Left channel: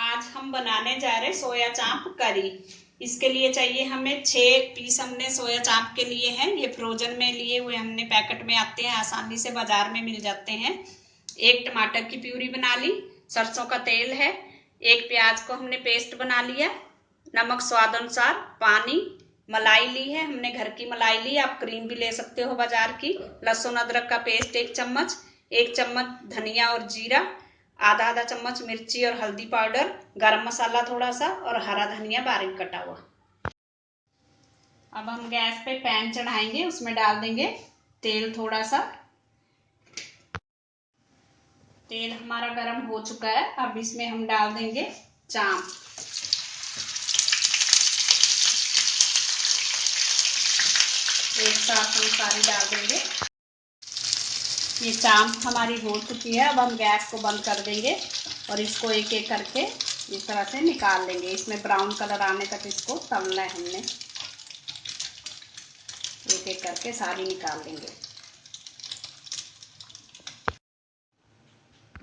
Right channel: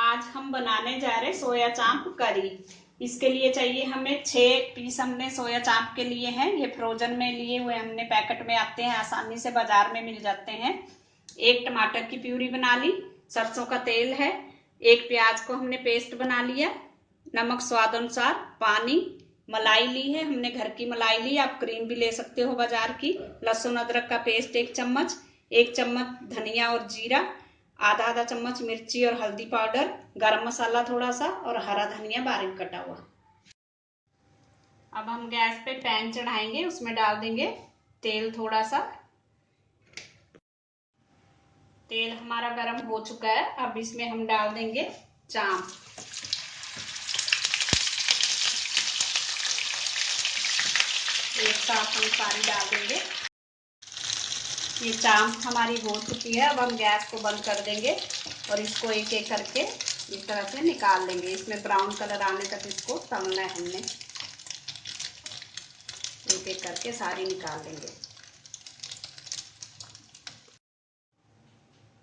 आज हम बनाने जा रहे हैं सोया चाप करी। इसके लिए चाहिए हमें 6 पीस हमने सोया चाप के लिए हैं। ये फ्रोजन में लिए हुए हमने, पैकेट में आते हैं, आसानी से बाजार में मिल जाते हैं। एक टमाटर की प्यूरी बना ली, सरसों का तेल है, एक प्याज को हमने पेस्ट बना लिया, नमक स्वाद अनुसार, पानी, मलाई ली है हमने, घर की मलाई ली, आप क्रीम भी ले सकते हो बाजार की, लहसुन अदरक का पेस्ट 1 चम्मच, 1 चम्मच धनिया और जीरा, आधा आधा चम्मच मिर्ची और हल्दी पाउडर, गरम मसाला थोड़ा सा और हरा धनिया बारीक कटा हुआ। अब हम गैस पे पैन चढ़ाएंगे, उसमें डाल देंगे तेल थोड़ा सा। तेल हमारा गरम हो चुका है। अब इसमें हम डाल देंगे चाप। एक साथ हम सारी डाल देंगे। ये चाप हमारी हो चुकी है। अब हम गैस को बंद कर देंगे और इसको एक एक करके इस तरह से निकाल लेंगे। इसमें ब्राउन कलर आने तक इसको तलना है हमने। एक एक करके सारी निकाल लेंगे।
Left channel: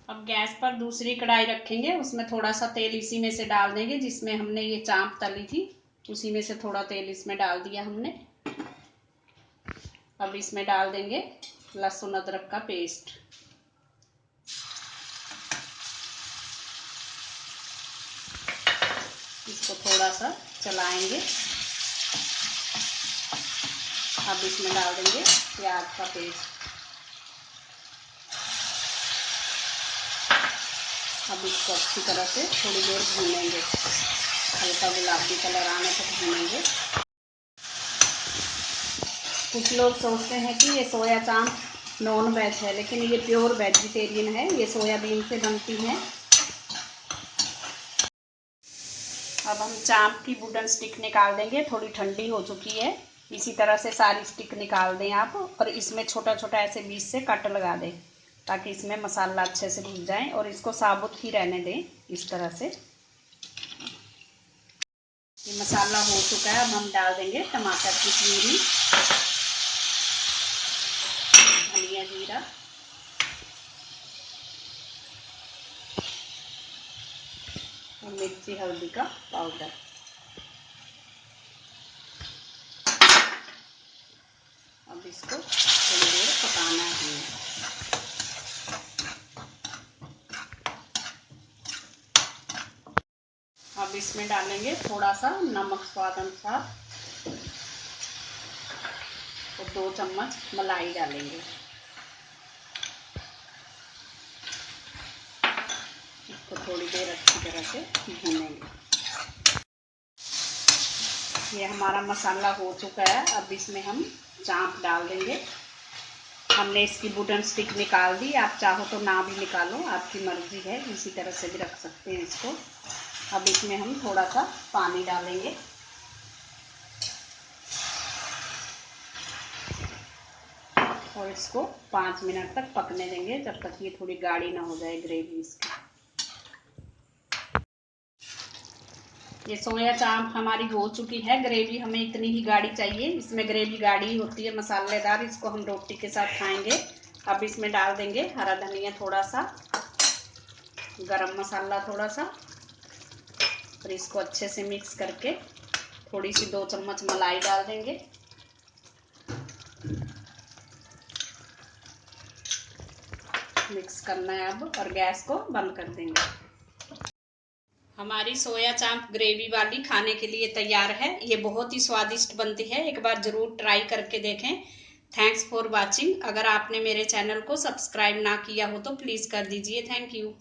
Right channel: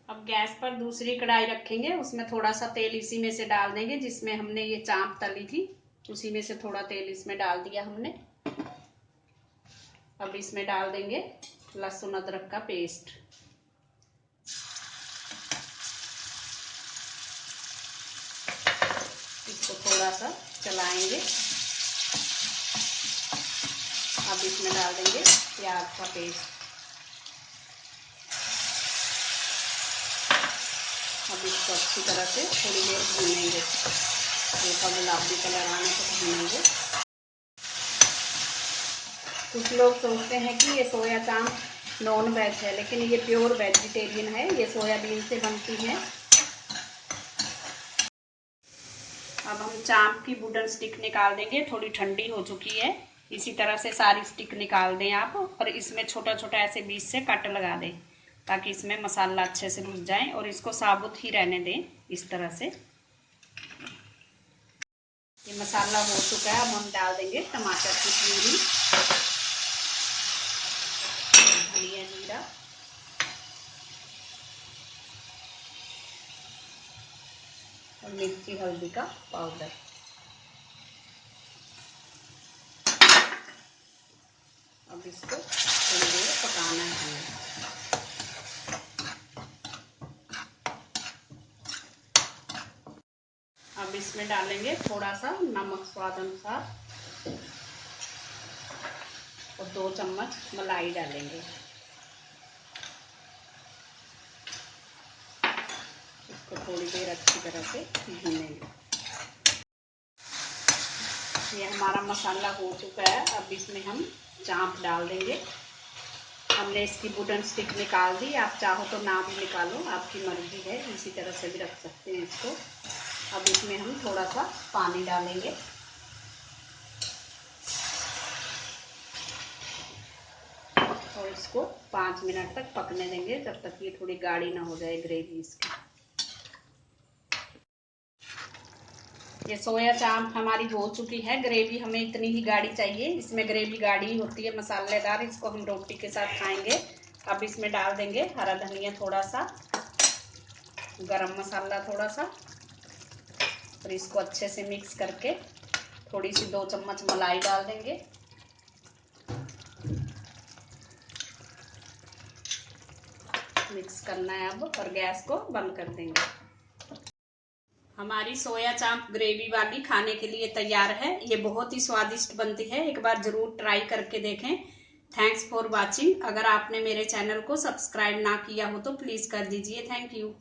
अब गैस पर दूसरी कढ़ाई रखेंगे, उसमें थोड़ा सा तेल इसी में से डाल देंगे जिसमें हमने ये चाप तली थी, उसी में से थोड़ा तेल इसमें डाल दिया हमने। अब इसमें डाल देंगे लहसुन अदरक का पेस्ट। इसको थोड़ा सा चलाएंगे। अब इसमें डाल देंगे प्याज का पेस्ट। अब इसको अच्छी तरह से थोड़ी देर भूनेंगे, हल्का गुलाबी कलर आने तक भूनेंगे। कुछ लोग सोचते हैं कि ये सोया चाप नॉन वेज है, लेकिन ये प्योर वेजिटेरियन है। ये सोयाबीन से बनती है। अब हम चाप की वुडन स्टिक निकाल देंगे, थोड़ी ठंडी हो चुकी है। इसी तरह से सारी स्टिक निकाल दें आप, और इसमें छोटा छोटा ऐसे बीच से कट लगा दें ताकि इसमें मसाला अच्छे से भुन जाए, और इसको साबुत ही रहने दें इस तरह से। ये मसाला हो चुका है। अब हम डाल देंगे टमाटर की प्यूरी, धनिया जीरा, और मिर्ची हल्दी का पाउडर। अब इसको थोड़ी देर पकाना है हमें। अब इसमें डालेंगे थोड़ा सा नमक स्वाद अनुसार और 2 चम्मच मलाई डालेंगे। इसको थोड़ी देर अच्छी तरह से भूनेंगे। ये हमारा मसाला हो चुका है। अब इसमें हम चाप डाल देंगे। हमने इसकी वुडन स्टिक निकाल दी, आप चाहो तो ना भी निकालो, आपकी मर्जी है, इसी तरह से भी रख सकते हैं इसको। अब इसमें हम थोड़ा सा पानी डालेंगे। और इसको 5 मिनट तक पकने देंगे, जब तक ये थोड़ी गाढ़ी ना हो जाए ग्रेवी इसकी। ये सोया चाप हमारी हो चुकी है। ग्रेवी हमें इतनी ही गाढ़ी चाहिए, इसमें ग्रेवी गाढ़ी होती है, मसालेदार। इसको हम रोटी के साथ खाएंगे। अब इसमें डाल देंगे हरा धनिया थोड़ा सा, गरम मसाला थोड़ा सा, और इसको अच्छे से मिक्स करके थोड़ी सी 2 चम्मच मलाई डाल देंगे। मिक्स करना है अब, और गैस को बंद कर देंगे। हमारी सोया चाप ग्रेवी वाली खाने के लिए तैयार है। ये बहुत ही स्वादिष्ट बनती है, एक बार जरूर ट्राई करके देखें। Thanks for watching. अगर आपने मेरे चैनल को सब्सक्राइब ना किया हो तो प्लीज कर दीजिए। Thank you.